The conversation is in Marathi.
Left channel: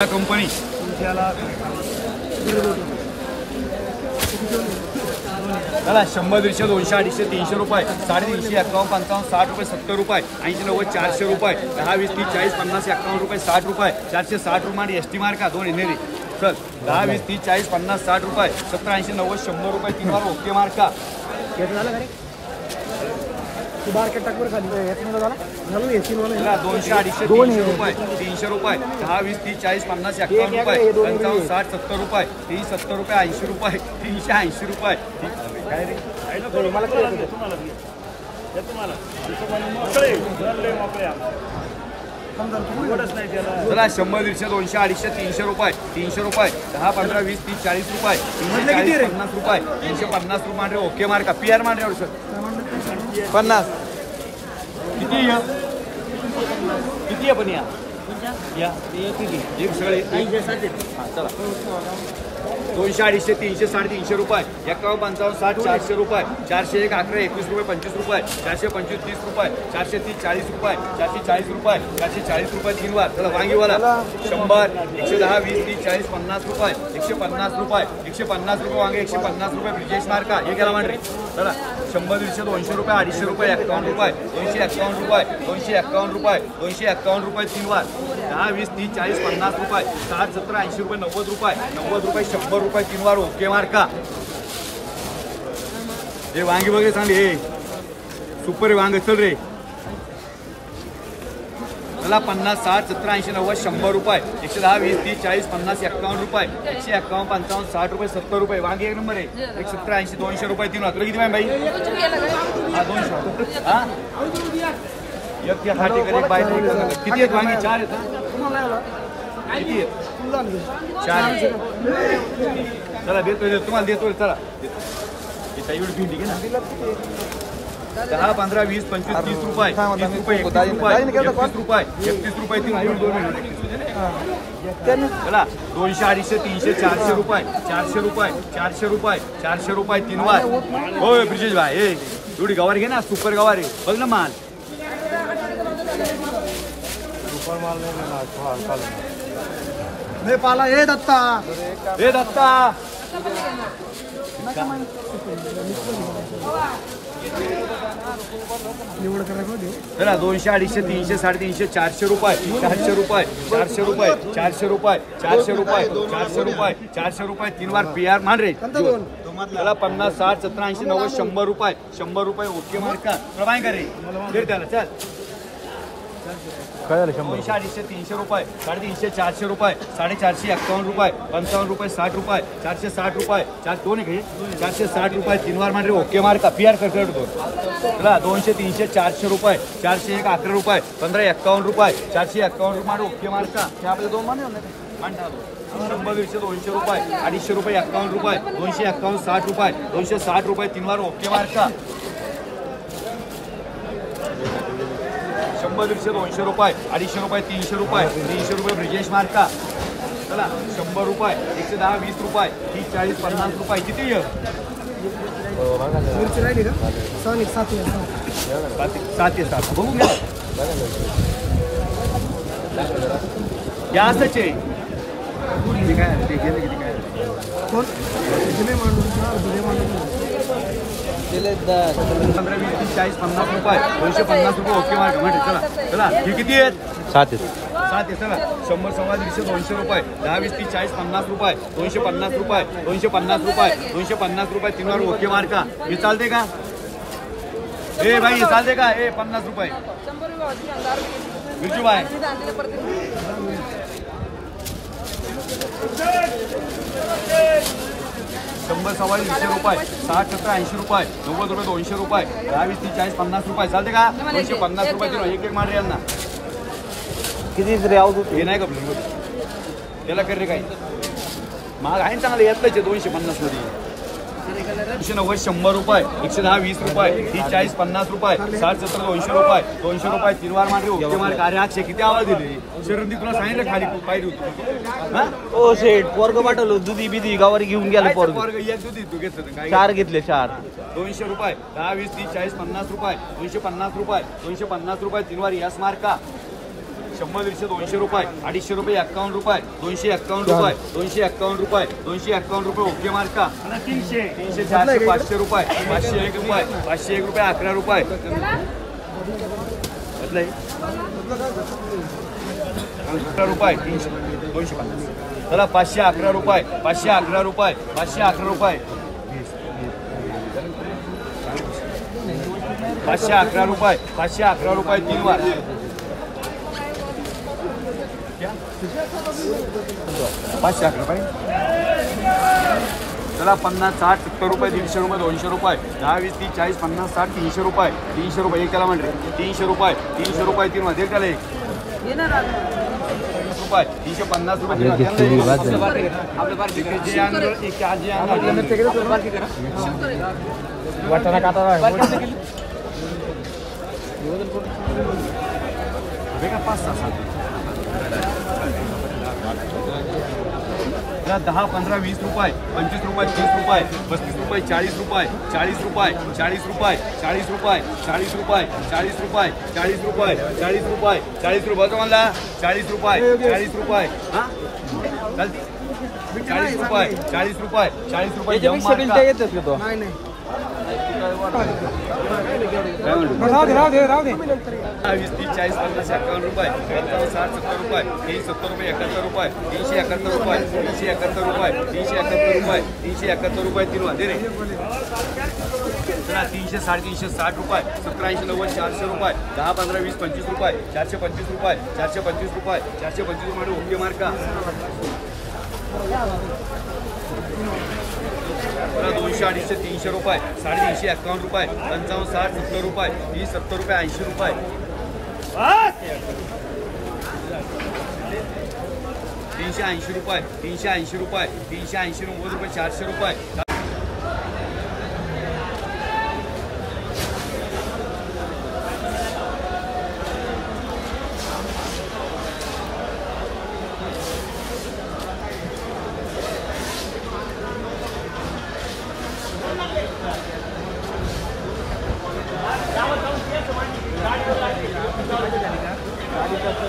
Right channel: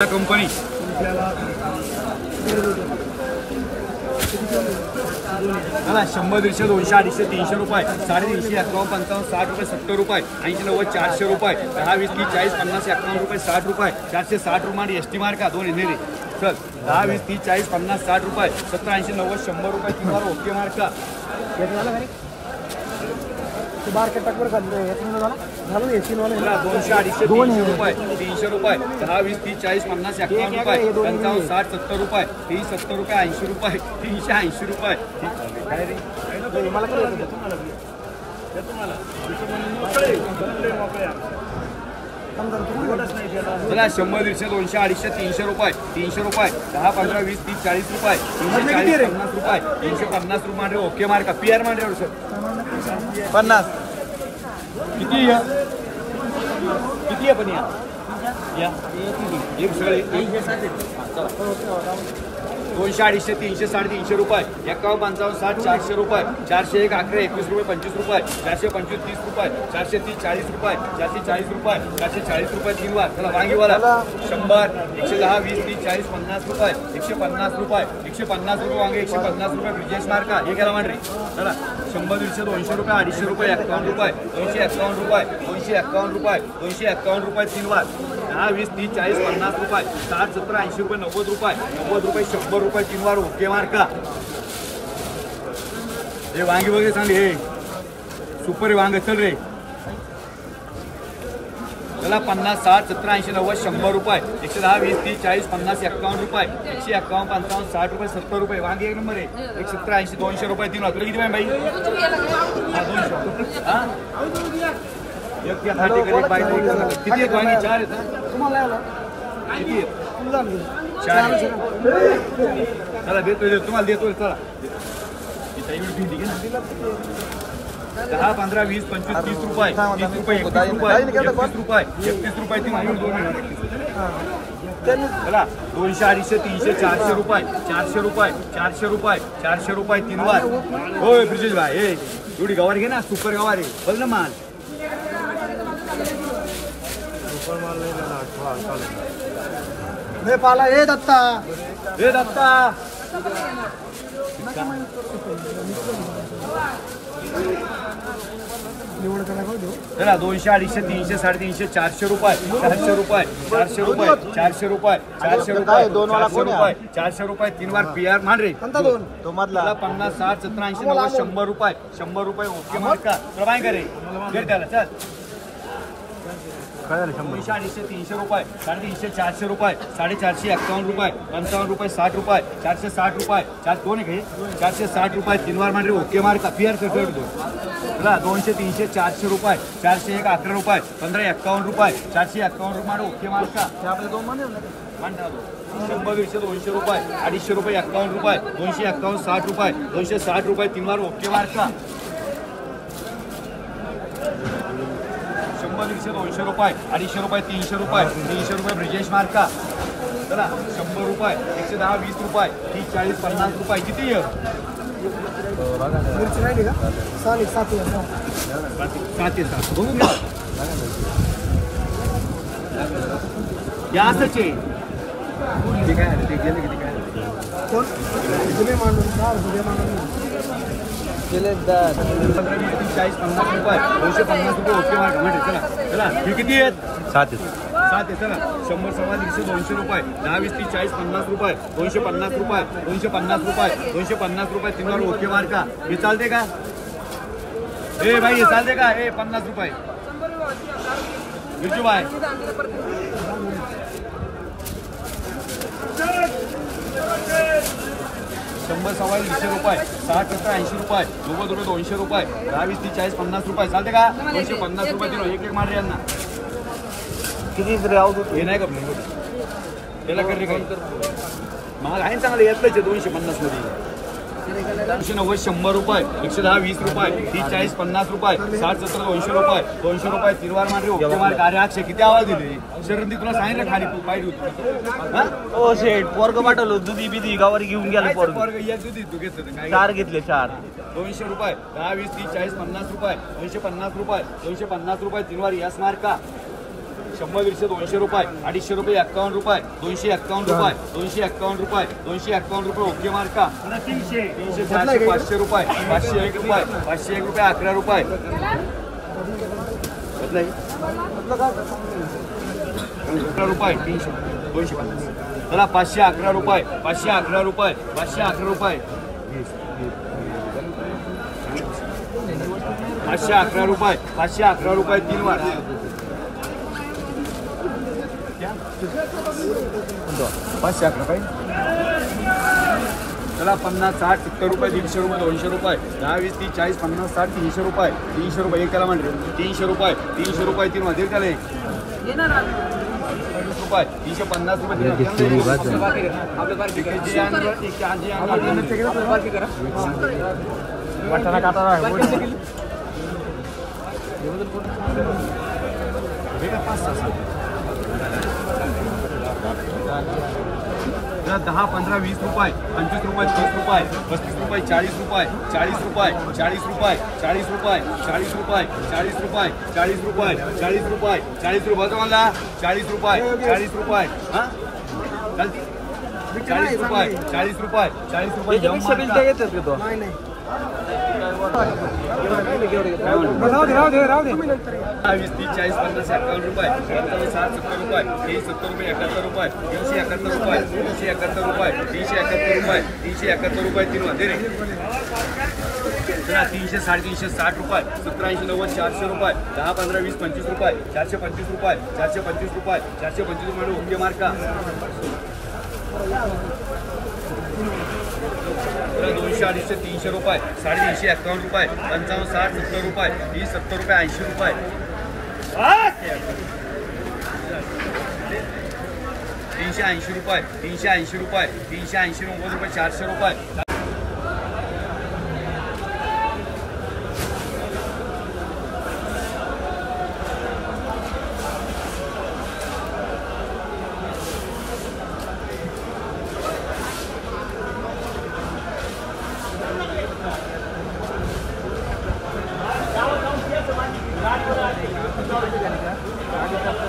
कंपनी मला 100 150 200 250 300 रुपये 350 51 55 60 रुपये 70 रुपये 80 90 400 रुपये 10 20 30 40 50 51 रुपये 60 रुपये 460 रुपये एसटी मार्का दोन नेरे चल 10 20 30 40 50 60 रुपये 70 80 90 100 रुपये 3 बार ओके मार्का बारके टाकवर खाली झालं येतील मला 200 250 रुपये 300 रुपये 10 20 30 40 50 51 रुपये 55 60 70 रुपये 30 70 रुपये 80 रुपये 380 रुपये काय रे चला 100 150 200 250 300 रुपये 300 रुपये 10 15 20 30 40 रुपये 340 50 रुपये 350 रुपये ओके मार्का पीआर मांडरे सर 50 किती आहे किती आहे पण या एक सगळे चला 200 250 300 350 रुपये 51 55 60 400 रुपये 401 11 21 रुपये 25 रुपये 425 30 रुपये 430 40 रुपये 440 रुपये 440 रुपये 3 बार चला वांगीवाला 100 110 20 30 40 50 रुपये 150 रुपये 150 रुपये वांगे 150 रुपये ब्रिजेश मार्का हे गेला मांडरे चला 100 150 200 रुपये 250 रुपये 51 रुपये 251 रुपये 251 रुपये 251 रुपये 3 बार 10 20 30 40 50 रुपये 60 70 80 रुपये 90 रुपये 100 रुपये 3 बार ओके मार्का हे वांगी वगैरे चांगली हे सुपर वांग चल रे चला 50 60 70 80 90 100 रुपये 110 20 30 40 50 51 रुपये 151 55 60 रुपये 70 रुपये वांगी एक नंबर आहे 170 80 200 रुपये 3 तुला किती बाई हा 200 हा एक या खाटी कर एक बाई किती आहेत वांगी 4 आहेत ना तुम्हाला किती आहेत 4 चला देतो तुम्हाला देतो चला इथं एवढी भिंडी घे ना 10 15 20 25 30 रुपये 30 रुपये 31 रुपये 31 रुपये 31 रुपये 3 2 चला 200 250 300 400 रुपये 400 रुपये 400 रुपये 400 रुपये 3 बार होय ब्रिजेश भाई ए एवढी गवार घे ना सुपर गवार आहे बघ ना माल हे पाला हे दत्ता निवड करा चला 200 250 300 350 400 रुपये 400 रुपये 400 रुपये 400 रुपये 400 रुपये 400 रुपये 400 रुपये 3 बार पीआर मान रे तो मतलब 50 60 70 80 90 100 रुपये 100 रुपये ओके मार्का प्रभाय करे फिर त्याला चल 200 250 300 रुपये 350 400 रुपये 450 51 रुपये 55 रुपये 60 रुपये 460 रुपये 4 दोन आहे 460 रुपये 3 बार मान रे ओके मार्का पीआर कर दो 200 300 400 रुपये 401 11 रुपये 15 51 रुपये 451 रुपये ओके मार्का आपले दोन मान 100 200 रुपये 250 रुपये 51 रुपये 251 60 रुपये 260 रुपये 3 बार ओके मार्का 100 200 रुपये 250 रुपये 300 रुपये 300 रुपये ब्रिजेश मार्का चला 100 रुपये 110 20 रुपये 30 40 50 रुपये किती मिरची राहिली का 7 बघू घ्या या असंच आहे ते काय ते गेले किती काय कोण जुने मांडून गेले 15 20 30 40 50 रुपये 250 रुपये ओके मार्का म्हणजे चला चला हे किती आहेत 7 आहे चला 100 150 200 रुपये 10 20 30 40 50 रुपये 250 रुपये 250 रुपये 250 रुपये 3 बार ओके मार्का मी चालते का ए भाई चालते का ए 50 रुपये बिरजू भाई 100 सव्वा 200 रुपये 60 70 80 रुपये 90 रुपये 200 रुपये 10 20 30 40 50 रुपये चालते का 250 रुपये दिलो एक मार रे यांना किती रे आऊ हे नाही का त्याला कर रे काही महाग आहे चांगलं यातलंच आहे 250 मध्ये 290 100 रुपये 110 20 रुपये 30 40 50 रुपये 60 70 200 रुपये 200 रुपये 3 बार मार रे ओके मार अरे आज किती आवाज दिले शरंदी तुला सांगितलं खाली तू पाहिजे होती हा ओ शेट पोरग पाठवलं दुधी बिधी गावारी घेऊन गेला पोरग एक दुधी तू घेतलं काय 4 घेतले 4 200 रुपये 10 20 30 40 50 रुपये 250 रुपये 250 रुपये 3 बार यास मार्का 100 दीडशे 200 रुपये 250 रुपये 51 रुपये 251 रुपये 251 रुपये 251 रुपये ओके मार्का 300 400 500 रुपये 501 रुपये 501 रुपये 11 रुपये रुपये 300 250 चला 511 रुपये 511 रुपये 511 रुपये 511 रुपये 511 रुपये 3 बार 511 पाहिजे चला 50 60 70 रुपये 150 रुपये 200 रुपये 10 20 30 40 50 60 300 रुपये 300 रुपये एक त्याला म्हणते 300 रुपये 300 रुपये 3 मध्ये त्याला एक रुपये 350 रुपये दहा 15 20 रुपये 25 रुपये 30 रुपये 35 रुपये 40 रुपये 40 रुपये 40 रुपये 40 रुपये 40 रुपये 40 रुपये 40 रुपये 40 रुपये 40 रुपये का म्हणला 40 रुपये 40 रुपये हा 40 रुपये 40 रुपये 40 रुपये नाही काय म्हणतो 20 30 40 50 51 रुपये 55 60 70 रुपये 370 रुपये 71 रुपये 371 रुपये 371 रुपये 371 रुपये 371 रुपये 3 मध्ये रे 300 360 रुपये 1780 90 400 रुपये 10 15 20 25 रुपये 425 रुपये 425 रुपये 425 रुपये ओके मार्का 200 250 300 रुपये 350 51 रुपये 55 60 70 रुपये 30 70 रुपये 80 रुपये 380 रुपये 380 रुपये 380 90 रुपये 400 रुपये गाडी